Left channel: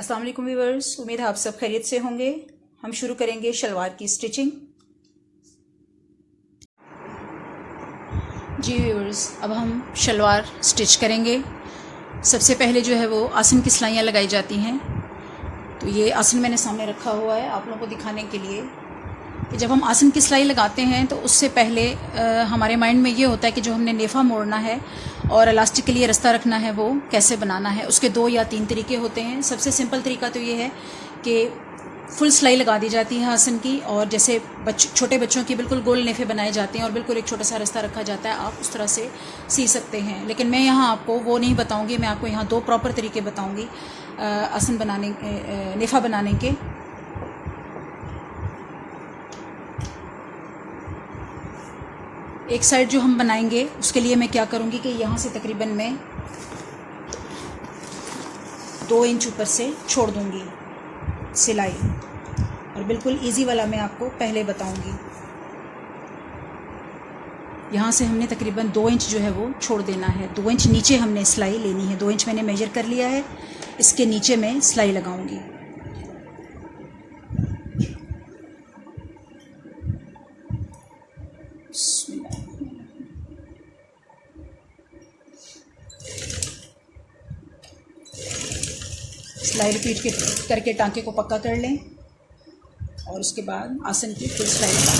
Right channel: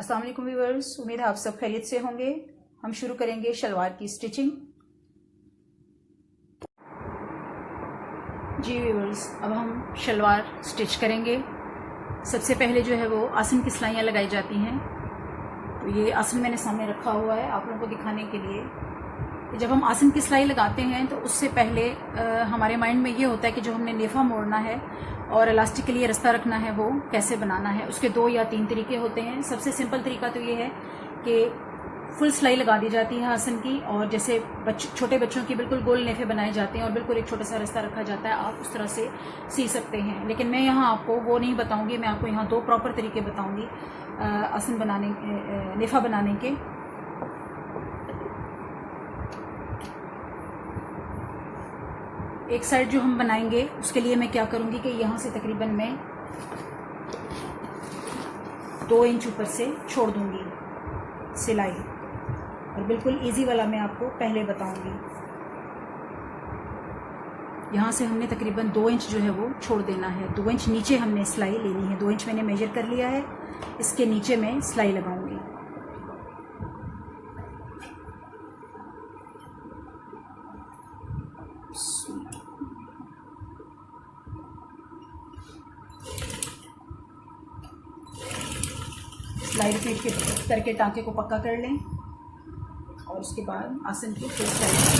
अस्सलाम वालेकुम व्यूअर्स, उम्मीद है आप सब खैरियत से होंगे। हम शुरू करेंगे शलवार की स्टिचिंग। जी व्यूअर्स, अब हम शलवार स्टिच करेंगे। सबसे पहले जो है वो आसन की सिलाइयाँ लगाई जाती हैं। तो ये आसन मैंने सामने रखा हुआ है आप लोगों को दिखाने के लिए कि जब हम आसन की सिलाई लगाते हैं तो उससे पहले हमारे माइंड में ये होता है कि जो हमने नेफ़ा मोड़ना है और इलास्टिक के लिए रास्ता रखना है वो कैसे बनाना है। उसके 2 या 3 तरीके होते हैं। सबसे सिंपल तरीका तो ये है कि फुल सिलाई लगा दी जाती है आसन की, और जैसे छोटे बच्चों की बिल्कुल गोल नेफ़े बनाए जाते हैं और बिल्कुल एक छोटा सा रास्ता रखा जाता है, आप उस तरह से सी सकते हैं। लेकिन मैं यहाँ आपको वो नहीं बताऊँगी, मैं आपको यहाँ 2 प्रॉपर तरीके बताऊँगी आसन बनाने, नेफ़ा बनाने के। एक साइड जो हम बनाएंगे उसके लिए मैं क्या करूँगी कि यहाँ से तकरीबन मैं 2 इंच ऊपर से छोड़ दूँगी सिलाई, और बिल्कुल इजी वाला मैं आपको पहले बताऊँगी। यहाँ से हमने तकरीबन 2 इंच जो है वो छोड़ देना है। 2 इंच नीचे हमने सिलाई लेनी है। 2 इंच मैंने मेजर कर लिया है, इसके नीचे मैं सिलाई लगाऊँगी। सिलाई रिपीट करके टांके को पक्का कर लें और उसके बाद आसन की फिर सिलाई लगाएं।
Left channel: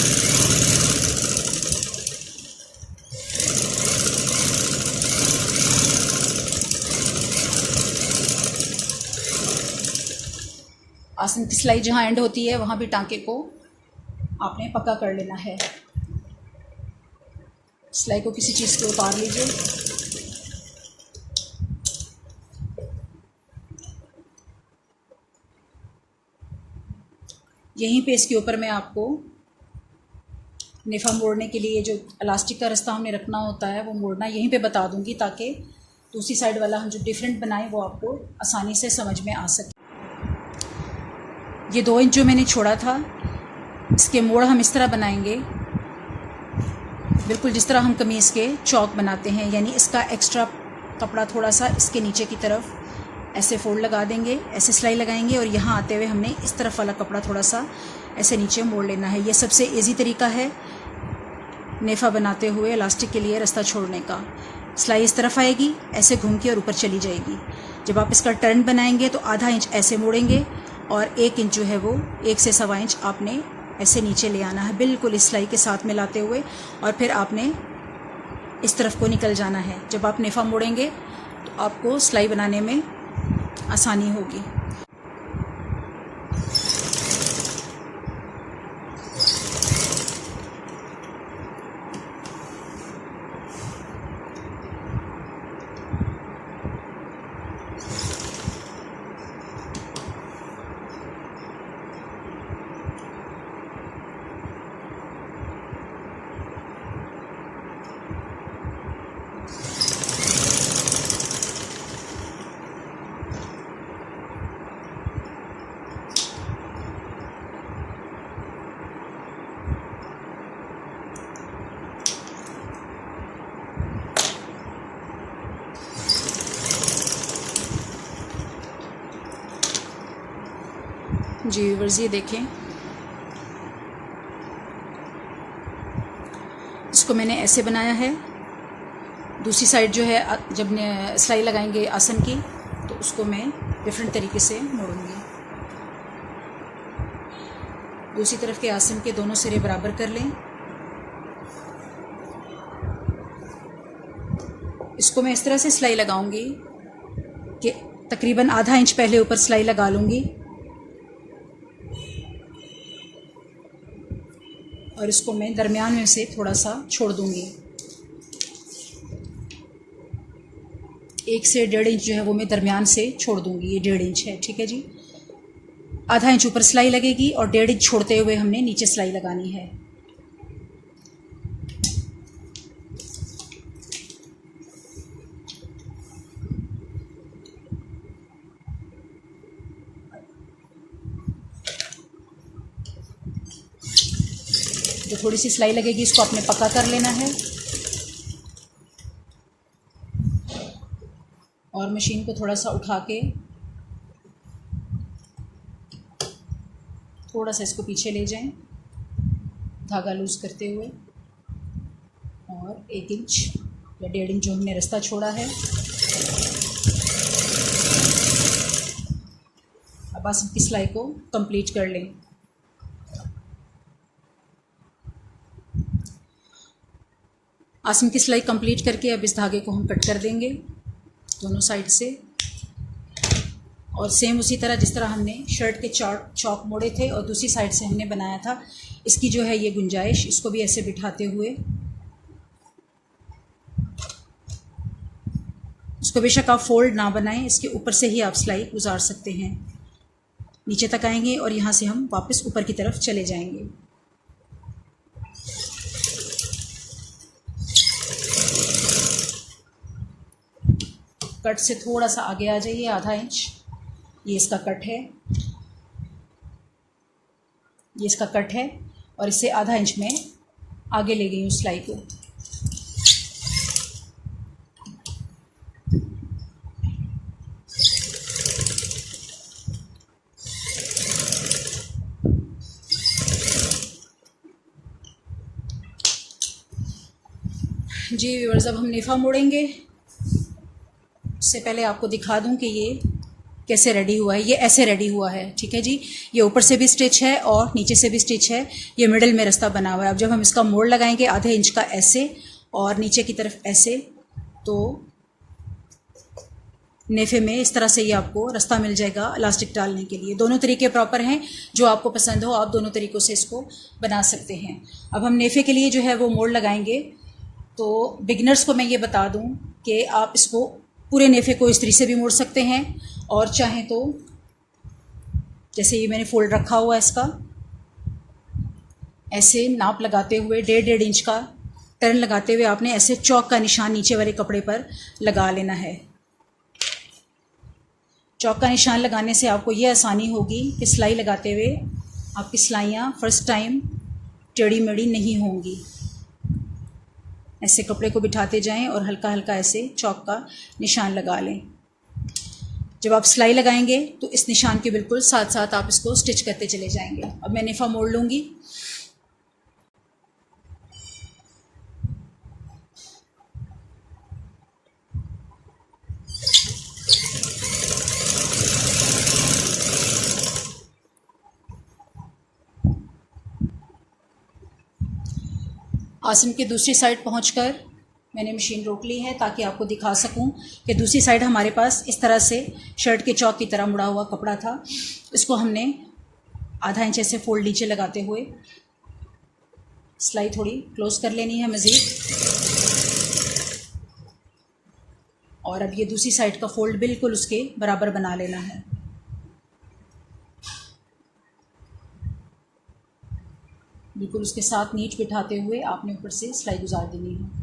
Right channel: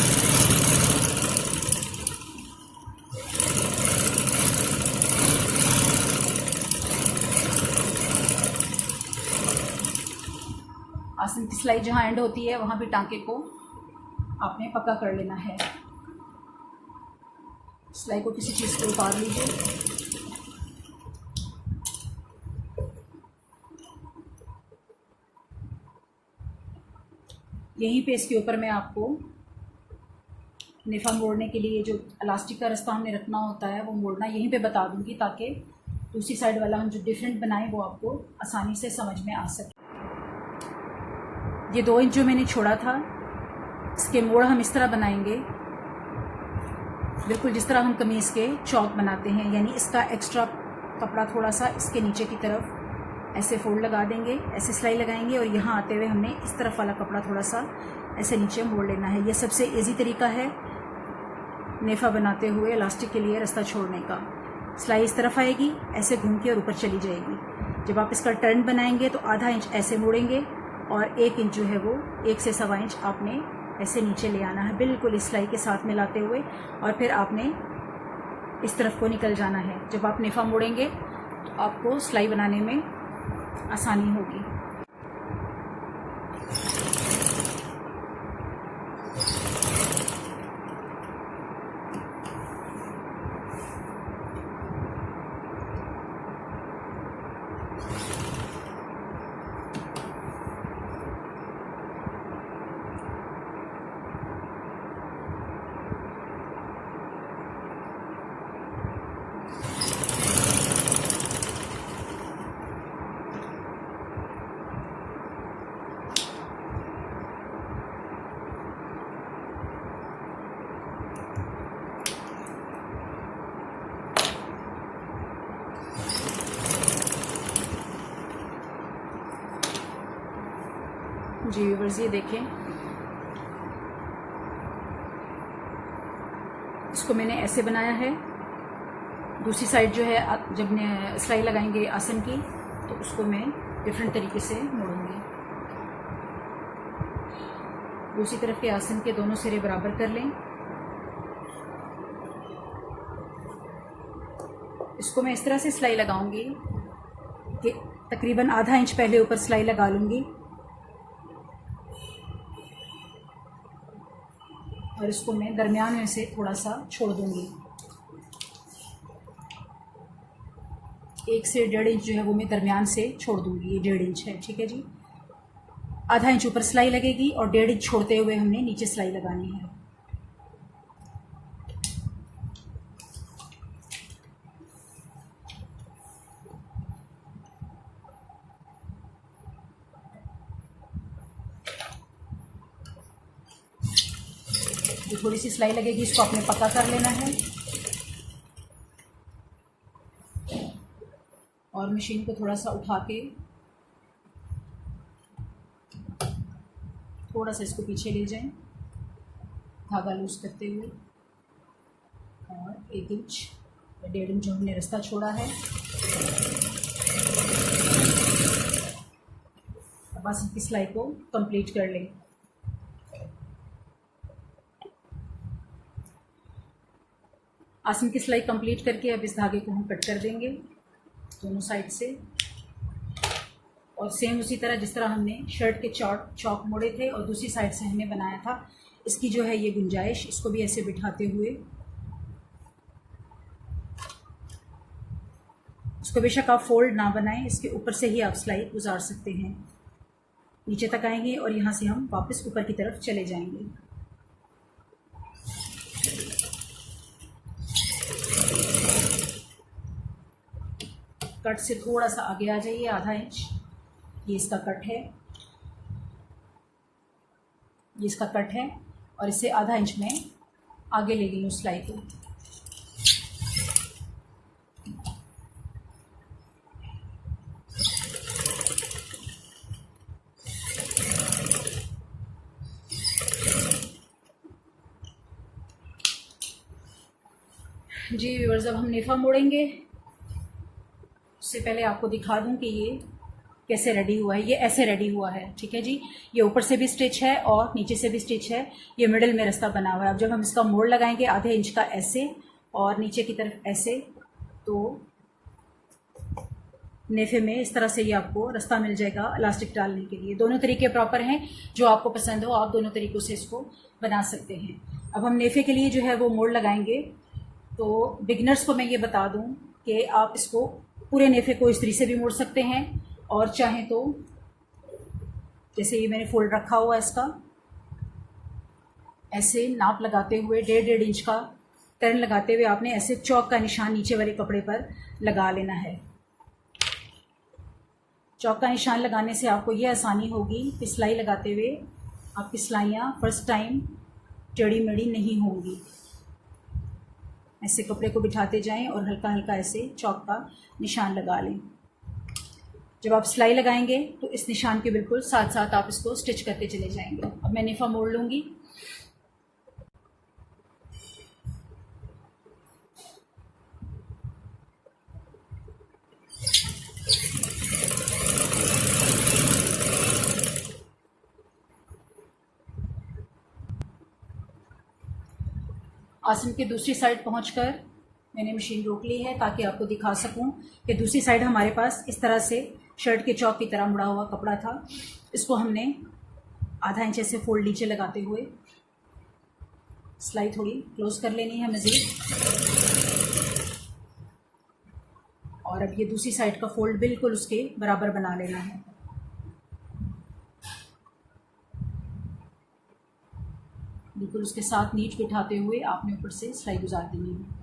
आसन की सिलाई जहाँ एंड होती है वहाँ भी टांके को आपने पक्का कर लेना है। सिलाई को किसी चीज़ से उतार लीजिए। यहीं पे इसके ऊपर मैं आपको नेफ़ा मोड़ने के लिए जो इलास्टिक का रास्ता हमने रखना होता है वो मोड़ना यहीं पे बता दूंगी, ताकि दूसरी साइड वाला हम जो डिफरेंट बनाएं वो आपको आसानी से समझ में आ सके। ये 2 इंच जो मैंने छोड़ा था, इसके मोड़ हम इस तरह बनाएंगे, बिल्कुल जिस तरह हम कमीज़ के चौक बनाते हैं। यानी इसका एक्स्ट्रा कपड़ा थोड़ा सा इसके नीचे की तरफ ऐसे फोल्ड लगा देंगे, ऐसे सिलाई लगाएंगे, और यहाँ आते हुए हमने इस तरफ वाला कपड़ा थोड़ा सा ऐसे नीचे मोड़ लेना है। ये सबसे इजी तरीका है नेफ़ा बनाते हुए इलास्टिक के लिए रास्ता छोड़ने का। सिलाई इस तरफ आएगी, ऐसे घूम के और ऊपर चली जाएगी। जब आप इसका टर्न बनाएंगे तो आधा इंच ऐसे मोड़ेंगे और 1 इंच जो है वो 1 से 1.25 इंच आपने ऐसे नीचे ले आना है, बिल्कुल इस सिलाई के साथ मिलाते हुए, और फिर आपने इस तरफ को निकल जाना है। जब आप नेफ़ा मोड़ेंगे तो आपको सिलाई बनाने में आसानी होगी। जी व्यूअर्स, ये देखें, इसको मैंने ऐसे बनाया है। दूसरी साइड जो है जब सिलाई लगाएंगे आसन की तो उसको मैं डिफरेंट तरीके से मोड़ूंगी। दूसरी तरफ के आसन के दोनों सिरे बराबर कर लें। इसको मैं इस तरह से सिलाई लगाऊंगी कि तकरीबन आधा इंच पहले ऊपर सिलाई लगा लूँगी, और इसको मैं दरमियान में से थोड़ा सा छोड़ दूंगी। 1 से 1.5 इंच जो है वो मैं दरमियान से छोड़ दूंगी। ये 1.5 इंच है, ठीक है जी। आधा इंच ऊपर सिलाई लगेगी और 1.5 इंच छोड़ते हुए हमने नीचे सिलाई लगानी है। जो थोड़ी सी सिलाई लगेगी इसको आपने पक्का कर लेना है, और मशीन को थोड़ा सा उठा के थोड़ा सा इसको पीछे ले जाएं धागा लूज करते हुए, और 1 इंच या 1.5 इंच जो हमने रास्ता छोड़ा है। अब आसन की सिलाई को कंप्लीट कर लें। आसन की सिलाई कंप्लीट करके अब इस धागे को हम कट कर देंगे दोनों साइड से, और सेम उसी तरह जिस तरह हमने शर्ट के चौक मोड़े थे और दूसरी साइड से हमने बनाया था, इसकी जो है ये गुंजाइश, इसको भी ऐसे बिठाते हुए, इसको बेशक आप फोल्ड ना बनाएं, इसके ऊपर से ही आप सिलाई गुजार सकते हैं। नीचे तक आएंगे और यहाँ से हम वापस ऊपर की तरफ चले जाएंगे। कट से थोड़ा सा आगे आ जाइए, आधा इंच, ये इसका कट है, ये इसका कट है, और इससे आधा इंच में आगे ले गई हूँ सिलाई को। जी व्यूअर्स, अब हम नेफा मोड़ेंगे। उससे पहले आपको दिखा दूं कि ये कैसे रेडी हुआ है। ये ऐसे रेडी हुआ है, ठीक है जी। ये ऊपर से भी स्टिच है और नीचे से भी स्टिच है, ये मिडिल में रास्ता बना हुआ है। अब जब हम इसका मोड़ लगाएंगे आधे इंच का ऐसे और नीचे की तरफ ऐसे, तो नेफे में इस तरह से ये आपको रास्ता मिल जाएगा इलास्टिक डालने के लिए। दोनों तरीके प्रॉपर हैं, जो आपको पसंद हो आप दोनों तरीक़ों से इसको बना सकते हैं। अब हम नेफे के लिए जो है वो मोड़ लगाएंगे। तो बिगिनर्स को मैं ये बता दूं कि आप इसको पूरे नेफे को इस तरीके से भी मोड़ सकते हैं, और चाहें तो जैसे ये मैंने फोल्ड रखा हुआ है इसका, ऐसे नाप लगाते हुए 1.5 इंच का टर्न लगाते हुए आपने ऐसे चौक का निशान नीचे वाले कपड़े पर लगा लेना है। चौक का निशान लगाने से आपको ये आसानी होगी कि सिलाई लगाते हुए आपकी सिलाइयाँ फर्स्ट टाइम टेढ़ी मेढ़ी नहीं होंगी। ऐसे कपड़े को बिठाते जाएं और हल्का हल्का ऐसे चौक का निशान लगा लें। जब आप सिलाई लगाएंगे तो इस निशान के बिल्कुल साथ साथ आप इसको स्टिच करते चले जाएंगे। अब मैं नेफा मोड़ लूँगी। आसन की दूसरी साइड पहुंचकर मैंने मशीन रोक ली है ताकि आपको दिखा सकूं कि दूसरी साइड हमारे पास इस तरह से शर्ट के चौक की तरह मुड़ा हुआ कपड़ा था। इसको हमने आधा इंच ऐसे फोल्ड नीचे लगाते हुए सिलाई थोड़ी क्लोज कर लेनी है मज़ीद, और अब ये दूसरी साइड का फोल्ड बिल्कुल उसके बराबर बना लेना है। बिल्कुल उसके साथ नीच बिठाते हुए आपने ऊपर से सिलाई गुजार देनी है।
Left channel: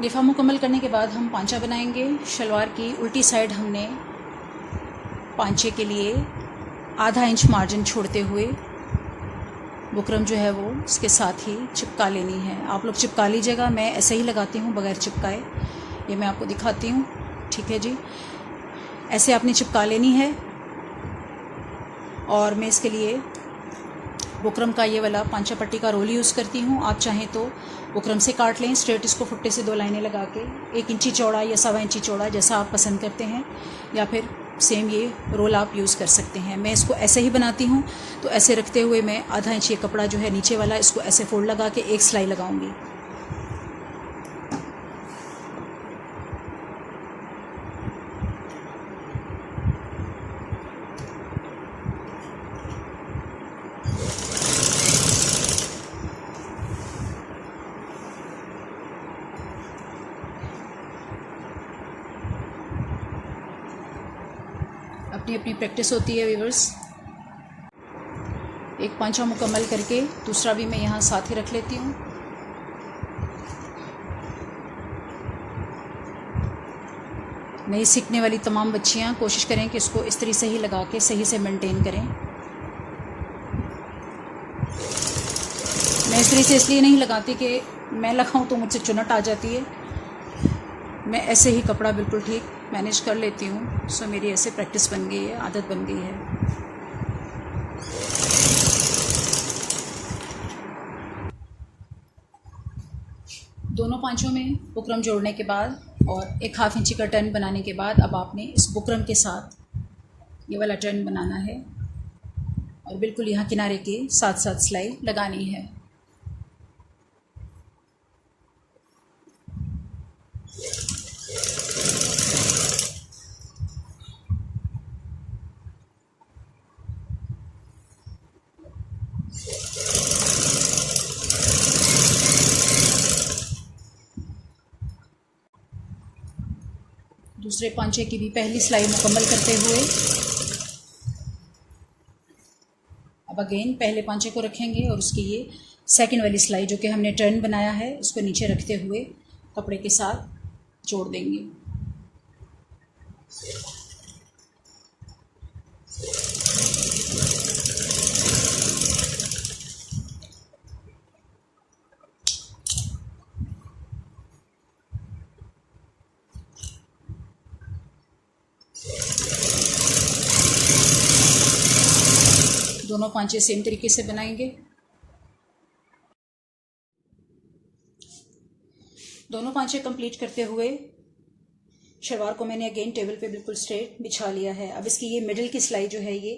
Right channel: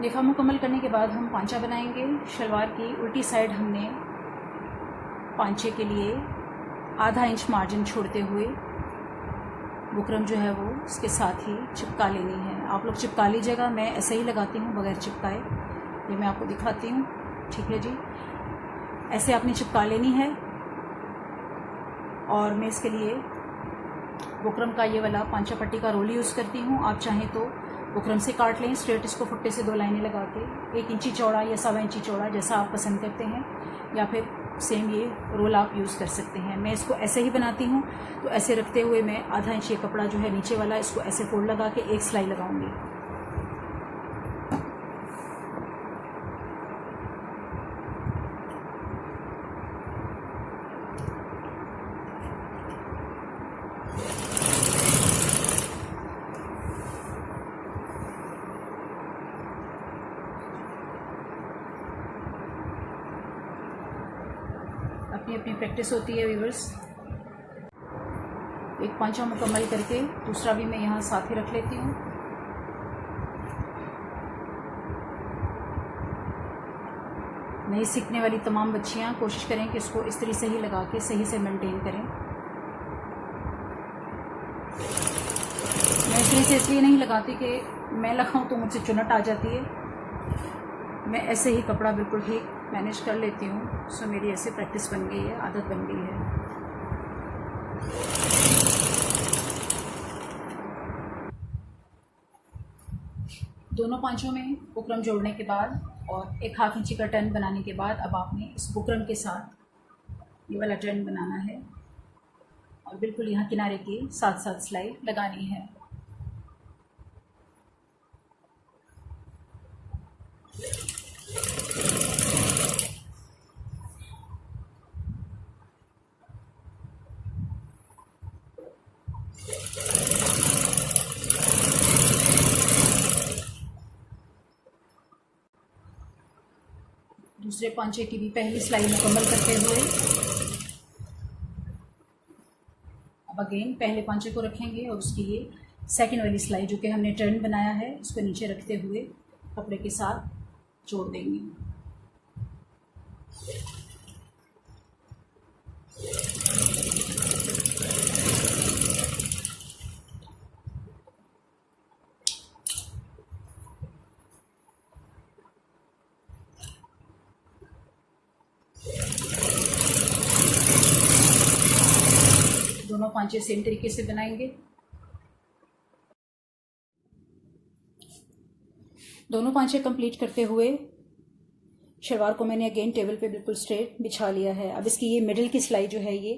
नेफा मुकम्मल करने के बाद हम पांचा बनाएंगे। शलवार की उल्टी साइड हमने पांचे के लिए आधा इंच मार्जिन छोड़ते हुए बुकरम जो है वो इसके साथ ही चिपका लेनी है। आप लोग चिपका लीजिएगा, मैं ऐसे ही लगाती हूँ बगैर चिपकाए, ये मैं आपको दिखाती हूँ, ठीक है जी। ऐसे आपने चिपका लेनी है, और मैं इसके लिए बुकरम का ये वाला पांचा पट्टी का रोल यूज़ करती हूँ। आप चाहें तो बुकरम से काट लें स्ट्रेट, इसको फुट्टे से 2 लाइनें लगा के 1 इंची चौड़ा या 1.25 इंची चौड़ा, जैसा आप पसंद करते हैं, या फिर सेम ये रोल आप यूज़ कर सकते हैं। मैं इसको ऐसे ही बनाती हूँ, तो ऐसे रखते हुए मैं आधा इंच ये कपड़ा जो है नीचे वाला, इसको ऐसे फोल्ड लगा के एक सिलाई लगाऊंगी। अपनी अपनी प्रैक्टिस होती है व्यूअर्स। एक पांचा मुकम्मल करके दूसरा भी मैं यहाँ साथ ही रख लेती हूँ। नई सीखने वाली तमाम बच्चियाँ कोशिश करें कि इसको इस तरीके से ही लगा के सही से मेंटेन करें। इस तरह से इसलिए नहीं लगाती कि मैं लगाऊं तो मुझसे चुनट आ जाती है। मैं ऐसे ही कपड़ा बिल्कुल ठीक मैनेज कर लेती हूँ। सो मेरी ऐसे प्रैक्टिस बन गई है, आदत बन गई है। दोनों पांचों में बुकरम जोड़ने के बाद और 1/2 इंची का टर्न बनाने के बाद अब आपने इस बुकरम के साथ ये वाला टर्न बनाना है और बिल्कुल यहाँ किनारे के साथ साथ सिलाई लगानी है। दूसरे पांचे की भी पहली सिलाई मुकम्मल करते हुए अब अगेन पहले पांचे को रखेंगे और उसकी ये सेकंड वाली सिलाई जो कि हमने टर्न बनाया है उसको नीचे रखते हुए कपड़े के साथ जोड़ देंगे। दोनों पांचे सेम तरीके से बनाएंगे। दोनों पांचे कंप्लीट करते हुए शलवार को मैंने अगेन टेबल पे बिल्कुल स्ट्रेट बिछा लिया है। अब इसकी ये मिडिल की सिलाई जो है ये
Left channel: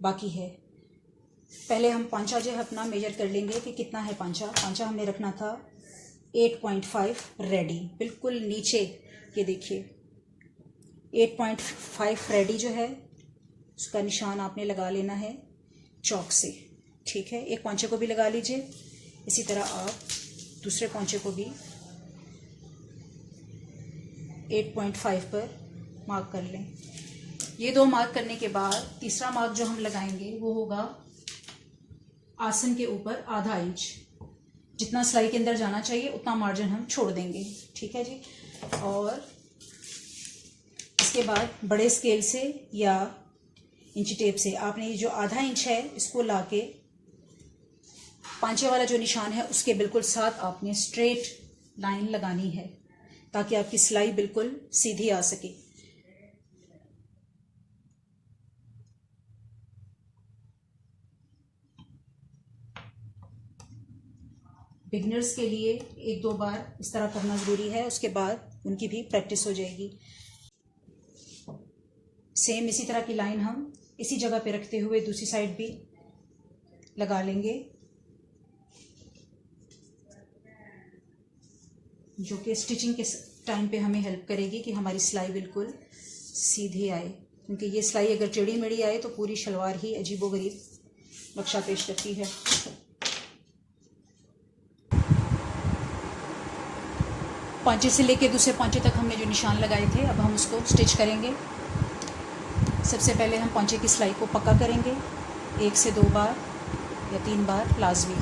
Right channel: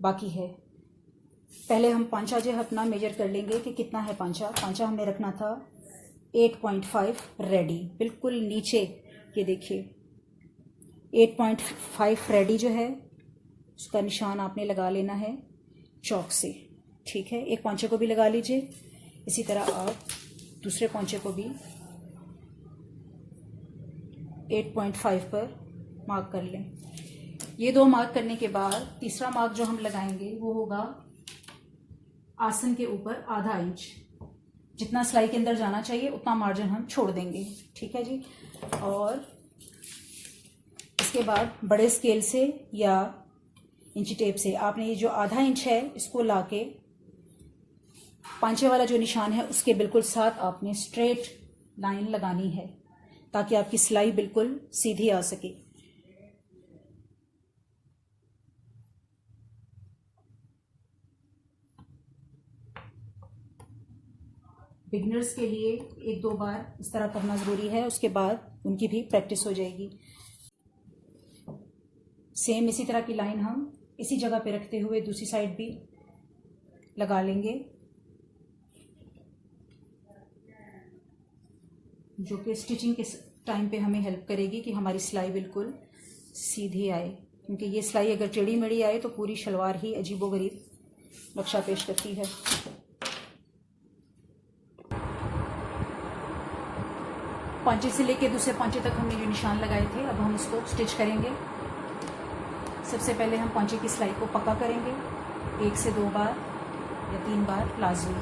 बाकी है। पहले हम पांचा जो है अपना मेजर कर लेंगे कि कितना है पांचा। पांचा हमने रखना था 8.5 रेडी, बिल्कुल नीचे ये देखिए 8.5 रेडी जो है उसका निशान आपने लगा लेना है चौक से, ठीक है। एक पांचे को भी लगा लीजिए। इसी तरह आप दूसरे पांचे को भी 8.5 पर मार्क कर लें। ये दो मार्क करने के बाद तीसरा मार्क जो हम लगाएंगे वो होगा आसन के ऊपर आधा इंच। जितना सिलाई के अंदर जाना चाहिए उतना मार्जिन हम छोड़ देंगे, ठीक है जी। और इसके बाद बड़े स्केल से या इंची टेप से आपने ये जो आधा इंच है इसको लाके पांचे वाला जो निशान है उसके बिल्कुल साथ आपने स्ट्रेट लाइन लगानी है ताकि आपकी सिलाई बिल्कुल सीधी आ सके। बिगनर्स के लिए 1-2 बार इस तरह करना ज़रूरी है, उसके बाद उनकी भी प्रैक्टिस हो जाएगी। सेम इसी तरह की लाइन हम इसी जगह पे रखते हुए दूसरी साइड भी लगा लेंगे, जो कि स्टिचिंग के टाइम पे हमें हेल्प करेगी कि हमारी सिलाई बिल्कुल सीधी आए। क्योंकि ये सिलाई अगर टेढ़ी मेढ़ी आए तो पूरी शलवार ही अजीबोगरीब नक्शा पेश करती है। पांचे से लेके दूसरे पांचे तक हमने जो निशान लगाए थे अब हम उसको स्टिच करेंगे। सबसे पहले हम पांचे की सिलाई को पक्का करेंगे 1 से 2 बार या 3 बार लाजमी।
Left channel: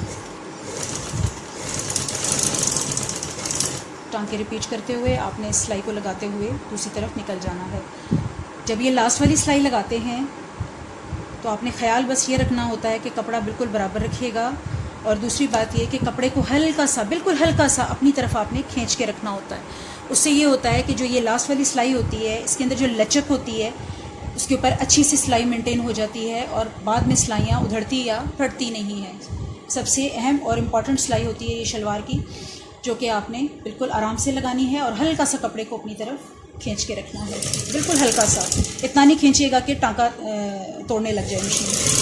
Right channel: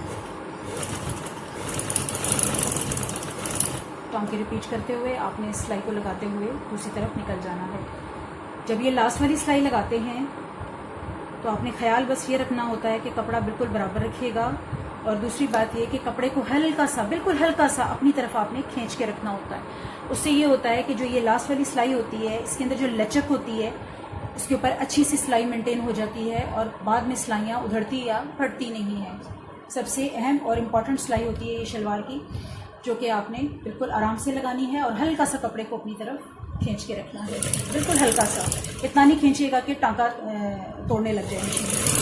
टांके रिपीट करते हुए आपने सिलाई को लगाते हुए दूसरी तरफ निकल जाना है। जब ये लास्ट वाली सिलाई लगाते हैं तो आपने ख्याल बस ये रखना होता है कि कपड़ा बिल्कुल बराबर रखिएगा। और दूसरी बात ये कि कपड़े को हल्का सा, बिल्कुल हल्का सा अपनी तरफ आपने खींच के रखना होता है। उससे ये होता है कि जो ये लास्ट वाली सिलाई होती है इसके अंदर जो लचक होती है उसके ऊपर अच्छी सी सिलाई मेंटेन हो जाती है और बाद में सिलाइयाँ उधड़ती या फटती नहीं है। सबसे अहम और इम्पॉर्टेंट सिलाई होती है ये शलवार की, जो कि आपने बिल्कुल आराम से लगानी है और हल्का सा कपड़े को अपनी तरफ खींच के रखना है, बिल्कुल हल्का सा। इतना नहीं खींचिएगा कि टांका तोड़ने लग जाए मशीन।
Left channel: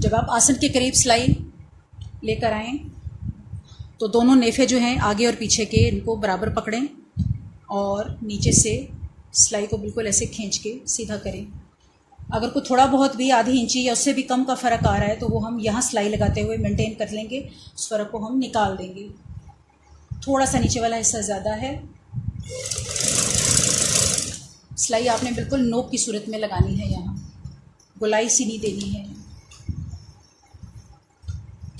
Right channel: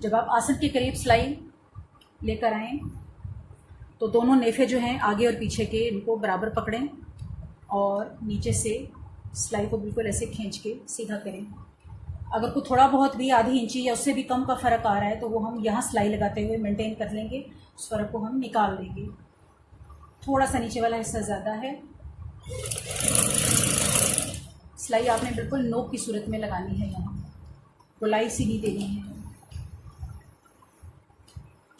जब आप आसन के करीब सिलाई लेकर आएँ तो दोनों नेफे जो हैं आगे और पीछे के इनको बराबर पकड़ें और नीचे से सिलाई को बिल्कुल ऐसे खींच के सीधा करें। अगर कोई थोड़ा बहुत भी आधी इंची या उससे भी कम का फ़र्क आ रहा है तो वो हम यहाँ सिलाई लगाते हुए मेंटेन कर लेंगे, उस फ़र्क को हम निकाल देंगे। थोड़ा सा नीचे वाला हिस्सा ज़्यादा है। सिलाई आपने बिल्कुल नोक की सूरत में लगानी है, यहाँ गोलाई सी नहीं देनी है।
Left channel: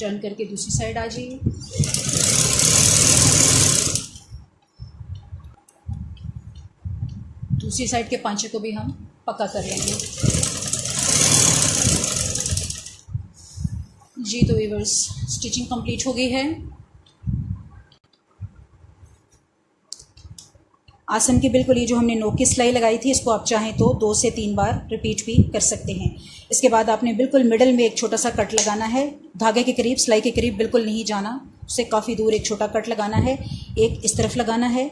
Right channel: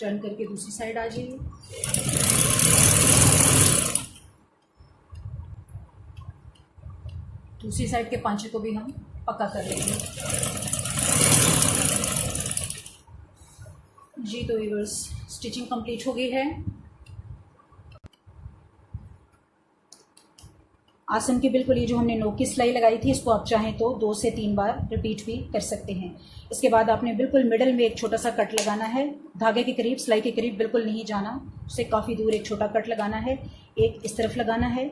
टर्न करके दूसरी साइड आ जाइए। दूसरी साइड के पांचे को भी हम पक्का कर लेंगे। जी तो व्यूअर्स, स्टिचिंग कंप्लीट हो गई है। आसन की बिल्कुल ये जो हमने नोक की सिलाई लगाई थी, इसको आप चाहें तो 2 से 3 बार रिपीट भी कर सकते हैं। इसके बाद आपने बिल्कुल मिडल में एक छोटा सा कट लगाना है, धागे के करीब, सिलाई के करीब बिल्कुल नहीं जाना, उससे काफ़ी दूर एक छोटा कट लगाना है। एक इस तरफ लगाना है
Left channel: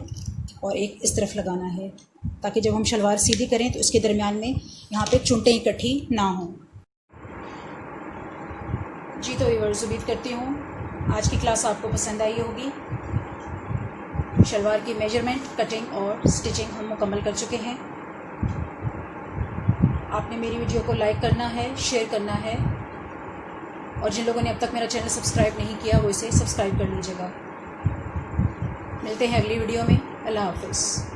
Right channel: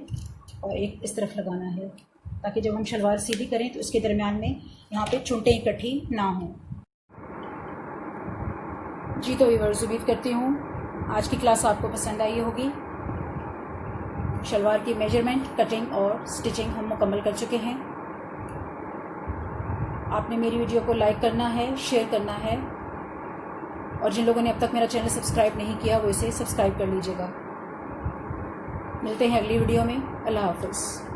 और एक इस तरफ लगाना है, ताकि जब हम शलवार सीधी करें तो इसके दरमियान में यहाँ पे चुनटें इकट्ठी ना हों। जी तो व्यूअर्स, उम्मीद करती हूँ आज की क्लास आपको पसंद आई होगी। शलवार की मेजरमेंट, कटिंग और स्टिचिंग हम मुकम्मल कर चुके हैं। आपने मेरी वीडियो को लाइक करना है, शेयर करना है, और जिन लोगों ने अब तक मेरा चैनल सब्सक्राइब नहीं किया वो इसे सब्सक्राइब कर लीजिएगा। मिलते हैं अगली वीडियो में। अल्लाह हाफ़िज़।